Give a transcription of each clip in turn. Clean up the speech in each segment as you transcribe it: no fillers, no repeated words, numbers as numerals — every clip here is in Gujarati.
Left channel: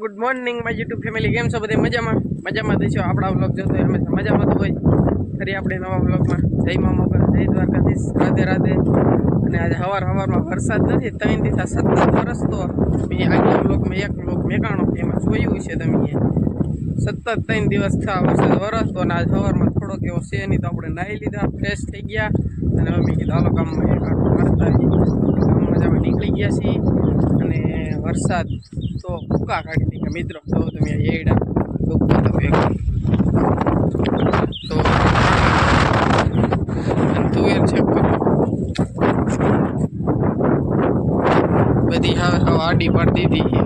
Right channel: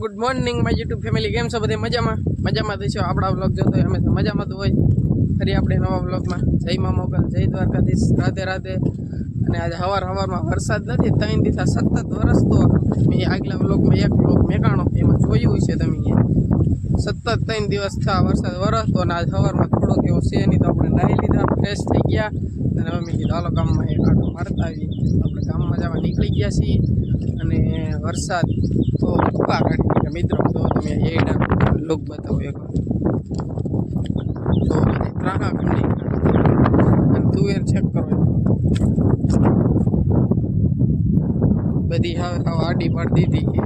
Good morning my YouTube family. કેમ છો બધે? મજામાં દઈશું. આપણા વ્લોગ જોતો હોય હંમેશા મજામાં તો હોય. ફરી આપણે નવા વ્લોગમાં જય મા મોગલ, જય દ્વારકાધીશ, રાધે રાધે. અને આજે સવારમાં વરસાદ નથી, 3 દિવસ સતત વરસતો. મેં આજના વ્લોગમાં એક વ્લોગ મેકાણો એમાં જોયું છે તમે, સતત 3 દિવસ થયા વરસાદ વરસતો. અને આજ સવારમાં થોડોક એવો છે નહીં તો આપણે નાહી લીધા, ફ્રેશ થઈ ગયા. અને અમે કીધું હાલો ગામમાં એક આટો મારતા આવીએ. ગામમાં જવા નીકળી ગયા છીએ. અને વરસાદ તો ભૂકા કાઢી ગયા મિત્રો. તો તમે એડા લુક બતાવો એક તો તુવેર ચેક કરો, બધી હવે આડી પાડી દીધી.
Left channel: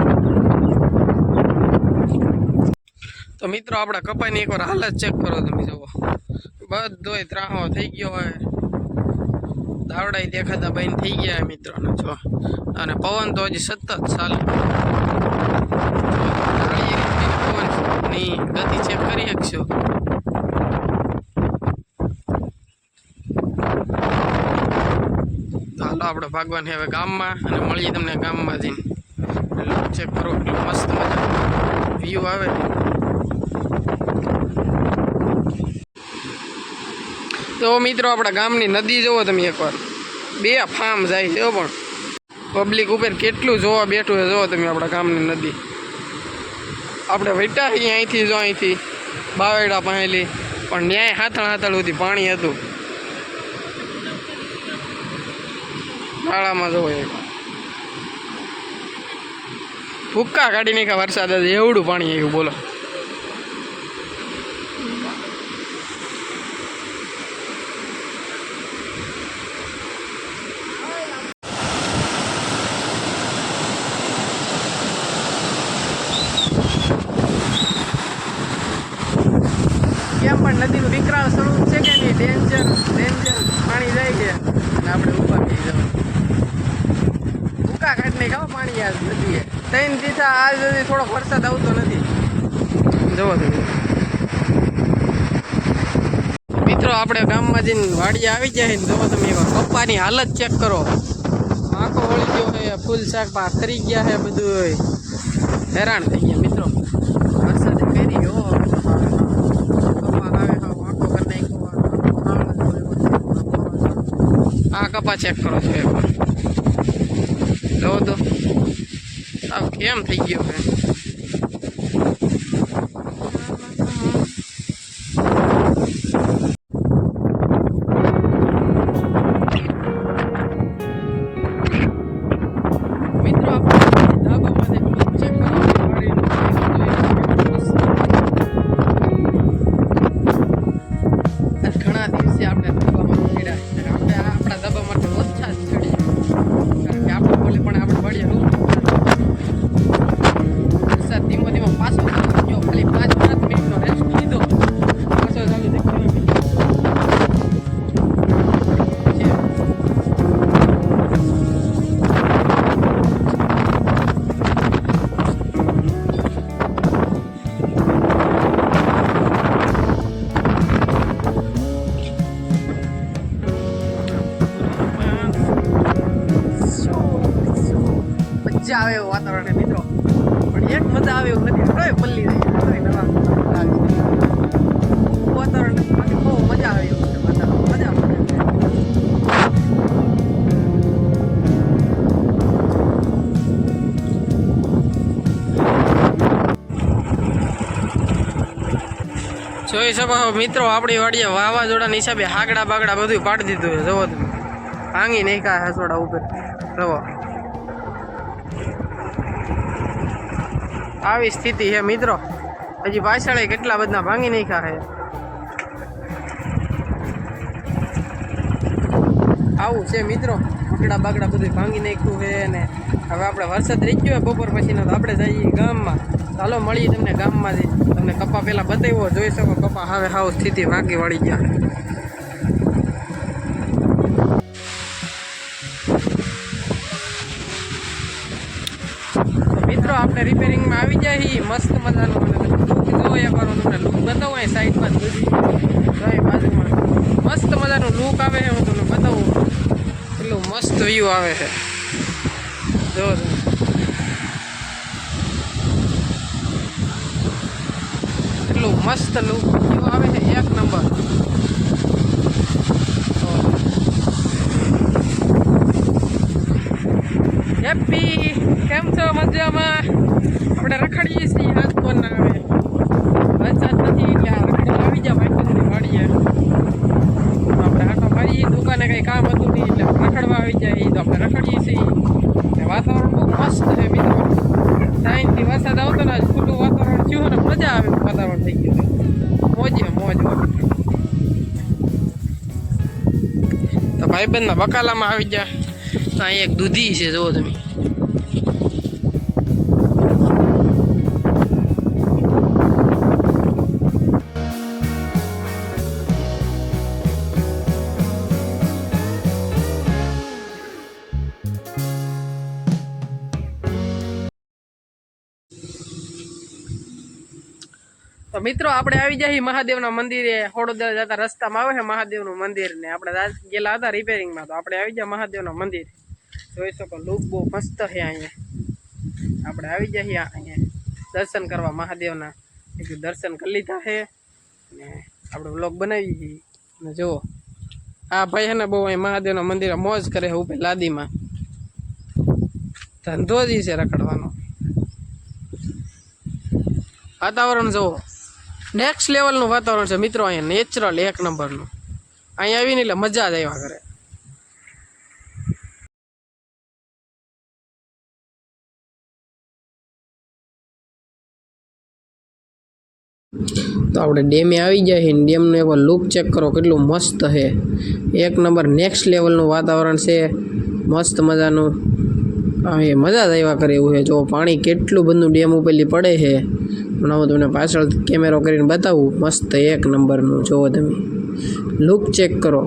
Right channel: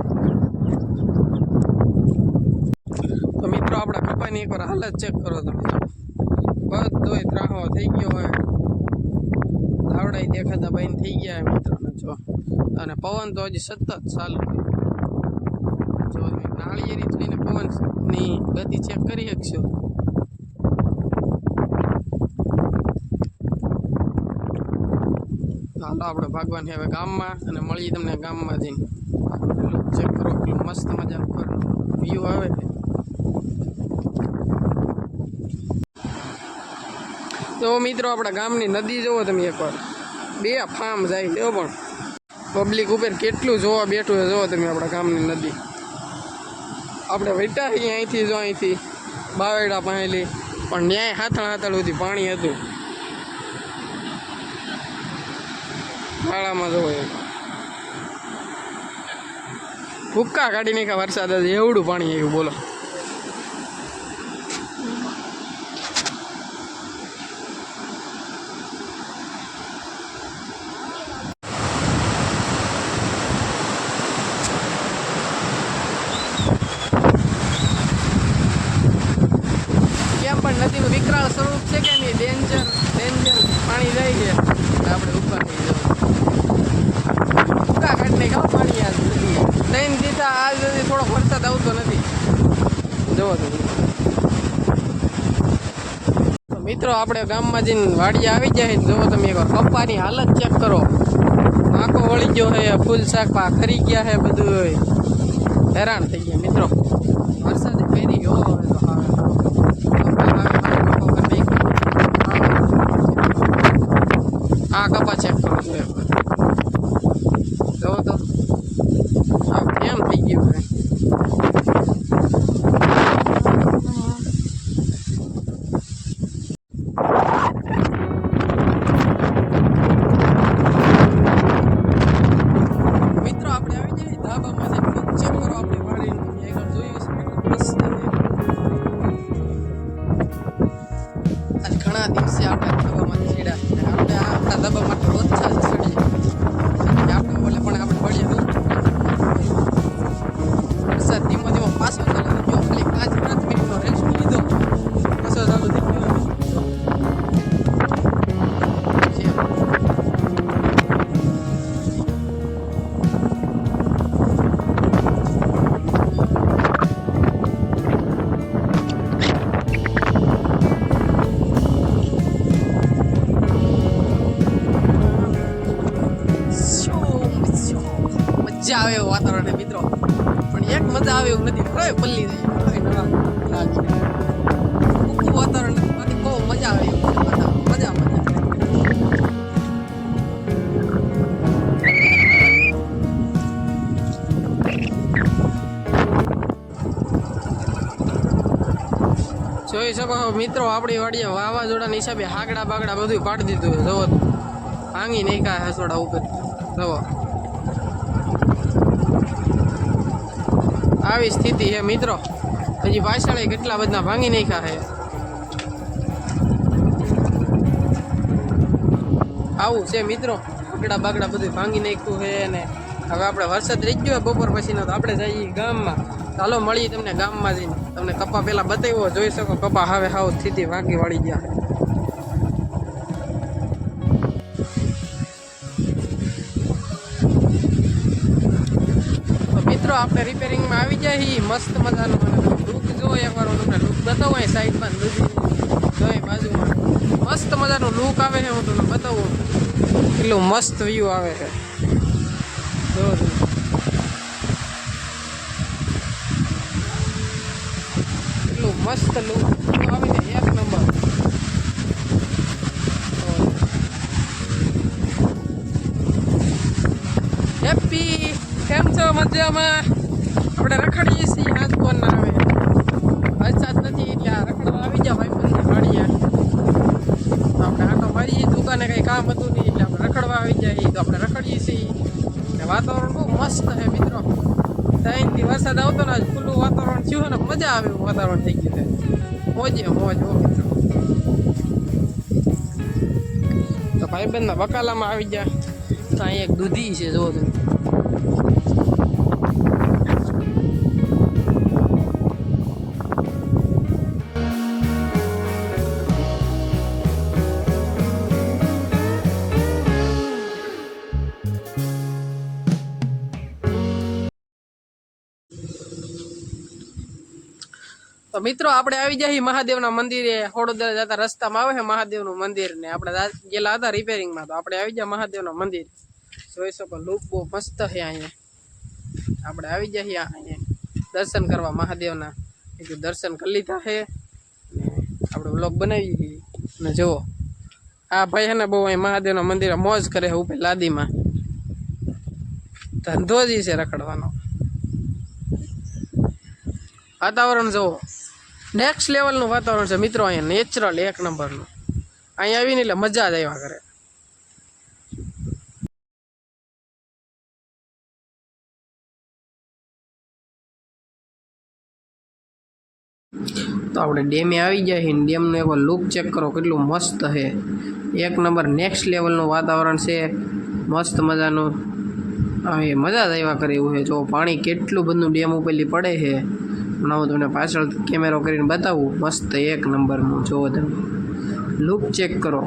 તો મિત્રો આપણા કપાઈની એકવાર હાલત ચેક કરો તમે. જુઓ બધોય ત્રાહો થઈ ગયો હોય, દાવડા દેખાતા બંધ થઈ ગયા મિત્રોને. જો અને પવન તો હજી સતત ચાલુ. પવનની ગતિ ચેક કરી શકશો. હાલો આપણે ભાગવાન હવે ગામમાં, અને મળીએ તમને ગામમાં જઈને. ચેક કરો એટલું મસ્ત મજા વ્યૂ આવે. તો મિત્રો આપણા ગામની નદી જુઓ તમે એકવાર, 2 ફાર્મ જાય છે પણ પબ્લિક ઉપર કેટલું જોવા બેઠું છે. જુઓ તમે આપણા ગામની નદી. આપણે વૈટા અહીંથી જો અહીંથી બાવેડા પાહેલી, પણ ન્યાય હાથળ સુધી પાણી હતું. નાળામાં જવો એક ભૂક્કા કાઢી નાખ્યા વરસાદ હતું, એવડું પાણી આવ્યું બોલો. કેમ પણ નદીનું વિકરાળ સ્વરૂપ છે કે નહીં, ડેન્જર પાણી જાય છે. અને આપણે ઉપર થઈ જવાનું ભૂકા કાઢને ખાવ પાણી આજ નદીએ. 3 દિવસ આજ સુધી થોડોક વરસાદ આવતો નથી. જવો તમે મિત્રો આપણે ગામમાં જઈને વાડીએ આવી જાય ને. જુઓ તમે એકવાર કપ્પાની હાલત ચેક કરો. આંખો વળી ગયો છે, ફૂલ શાક પા ખરી ગયા છે, બધું હેરાન થઈ ગયા મિત્રો. વરસાદે ફેરી ગયો. હા કપા ચેક કરો છો એકવાર. જો તો આ કેમ થઈ ગયું છે. મિત્રો આપણે ધાબામાં ચેક કરો. ઘણા દિવસે આપણે ધાબામાં ચીડા, આપણે આપણા ધાબામાં તો ઓછા જ ચડી આપણે બોલે પણ આપણે બળીએ રૂપ. વરસાદ ધીમો પાછો ગયો. ખાલી 5 મિનિટનો રેસ્ટ લીધો, પાછો ચાલુ થઈ ગયો. મજા આવે એવું વાતાવરણ મિત્રો, પણ એક મજા આવે એવું નથી. હવે પલ્લી વાતાવરણ બાકી બહુ મજા આવે એવું છે. મજા જોઈ શકો મિત્રો. આપણી વાડીએ વાવાઝોડાના હિસાબે હાગડા બાગડા બધું પાડી દીધું છે. જવો ભાંગી નાખ્યા હસોડા ઉપર. જવો આવી સ્થિતિ છે મિત્રો. હજી પાછળ કેટલા બધા ભાંગી નાખ્યા છે. આવું છે મિત્રો, બાગડા બધું ભાંગી નાખ્યું છે. અને હવે આપણે વરસાદ રહી ગયો બપોર પછીનો, તો આપણે જઈએ ગામમાં. ચાલો મળીએ તમને ગામમાં જઈને. તમને કપા પહેલાં બતાવ્યો, જોઈ શકો કપા હવે હાવ સ્થિતિ વાંકી વાળી ગયા. મિત્રો આપણે રિપેરિંગમાં આવી જાય મસ્ત મજાનો. અને લુક જોવો એકવાર, તમને લુક બતાવો. અહીં સાઈડમાં બધી જોઈ બાજુમાં મસ્ત મજાનો લુક આવે છે. હું તમને બતાવું એટલું મસ્ત વ્યૂ આવે છે. જો મસ્ત લુક આવે છે, એક નંબર. હેપી, કેમ છો? મજામાં? આપણે રખડીએ છીએ, રાજકોટ ના આવે વરસાદ નથી એટલે આ રખડવા આવી ગયા ભાઈ વાડીએ. આપણે આટો મારીએ, દુકાને કંઈ કામ હતું નહીં એટલે આપણે રખડવા આવી જાય તો આપણે રખડીએ છીએ. વાતાવરણ બહુ મસ્ત છે મિત્રો. ટાઈમથી વરસાદ આવતો ને ખુલ્લું વાતાવરણ થયું ને મજા આવે એવું વાતાવરણ થઈ ગયું છે. મોજે મોજ. તો ભાઈબંધના બકાલામાં આવી ગયા. તો અહીં એક દૂધી છે, જુઓ તમે. તો મિત્રો આપણે આવી જાય મહાદેવના મંદિરે. હોડોદરા જતા રસ્તામાં આવે છે મહાદેવનું મંદિર ને આપણે ગયેલા હતા રિપેરિંગમાં. તો આપણે આવી જાય મહાદેવના મંદિરે. જોઈ શકો લુક બહુ મસ્ત છે અહીંયા. આપણે આવી જઈએ અહીંયા દર્શન કરવા મહાદેવના. દર્શન કરી લીધા છે ને આપણે વ્લોગ બનાવી છીએ. ને જુઓ આ ભાઈ છે ને બહુ અહીં મહાદેવના મંદિરે મોજ કરે છે ઉપર લાદીમાં. ધંધો જ છે રખડવાનો. વાતાવરણ જુઓ, નેક્સ્ટ લેવલનું વાતાવરણ છે મિત્રો. અહીંયા નેચરલ એક નંબરનું. અહીંયા આવીને એટલે મજા જ આવ્યા કરે. તો આપણે ડેમે આવી જાય છે. ડેમનો એક લુક ચેક કરો, કેટલું મસ્ત છે. એક નંબર નેક્સ્ટ લેવલનું વાતાવરણ છે, મસ્ત મજાનું. એ મજા જ આવ્યા કરે એવું છે. જો પાણી કેટલું બધું ડેમ ઉપરથી પડે છે. હમણાં હું તમને પાછળ કેમેરો કરીને બતાવું. મસ્ત એક નંબરનું જુઓ તમે. લુક ચેક કરો,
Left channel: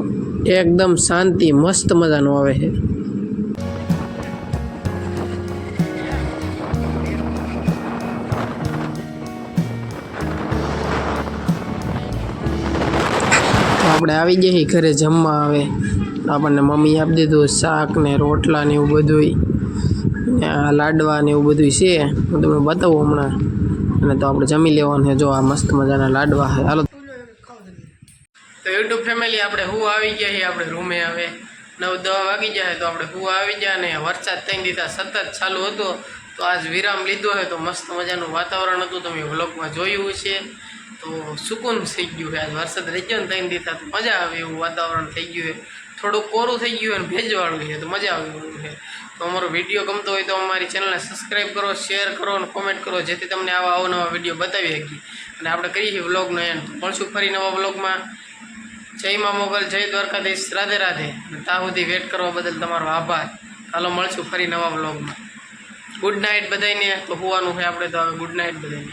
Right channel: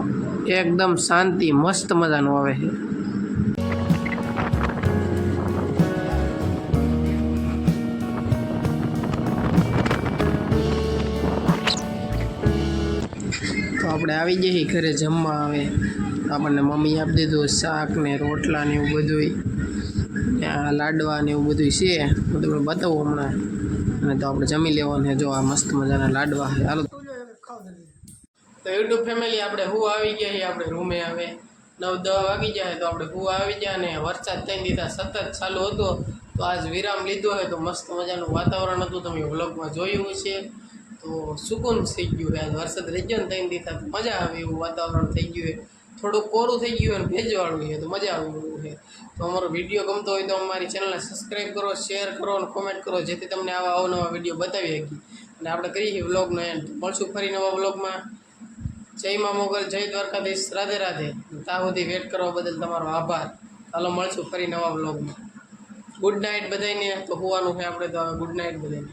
એકદમ શાંતિ મસ્ત મજાનું આવે છે. તો આપણે આવી જઈએ ઘરે જમવા. આવે આપણને મમ્મી આપી દીધું શાક ને રોટલા ને એવું બધું, ને આ લાડવા ને એવું બધું છે. હું તમને બતાવું હમણાં. અને તો આપણે જમી લેવાનું છે. જો આ મસ્ત મજાના લાડવા છે. હાલો તો યુટ્યુબ ફેમિલી આપણે હું આવી ગયા છીએ આપણે રૂમે. હવે 9-10 વાગી જાય તો આપણે હું આવી ગયા. ને વરસાદ 3 દીધા સતત ચાલુ હતો તો આજ વિરામ લીધો છે. તો મસ્ત મજાનું વાતાવરણ હતું, તમે વ્લોગમાં જોયું છે. તો સુકૂન થઈ ગયું છે. આજ વરસાદ રહી ગયો ને 3 દીધા તો મજા આવે એવું વાતાવરણ થઈ ગયું છે. થોડુંક કોરું થઈ ગયું અને ભેજવાળું છે તો મજા આવે એવું છે. તો અમારો વિડીયો ગમતો હોય તો અમારી ચેનલને સબસ્ક્રાઈબ કરો, શેર કરો અને કોમેન્ટ કરો, જેથી તમને આવા અવનવા વિડીયો બતાવી શકીએ. અને આપણે કરીએ વ્લોગનો એન્ડ. મળશું ફરી નવા વ્લોગમાં. જય મા મોગલ, જય દ્વારકાધીશ, રાધે રાધે. ત્યાં સુધી વેટ કરવા બદલ તમારો આભાર. ચાલો મળશું ફરી નવા વ્લોગમાં. ગુડ નાઇટ બધાને. તો હોવાનું છે આપણે તો હવે ગુડ નાઇટ બધાને.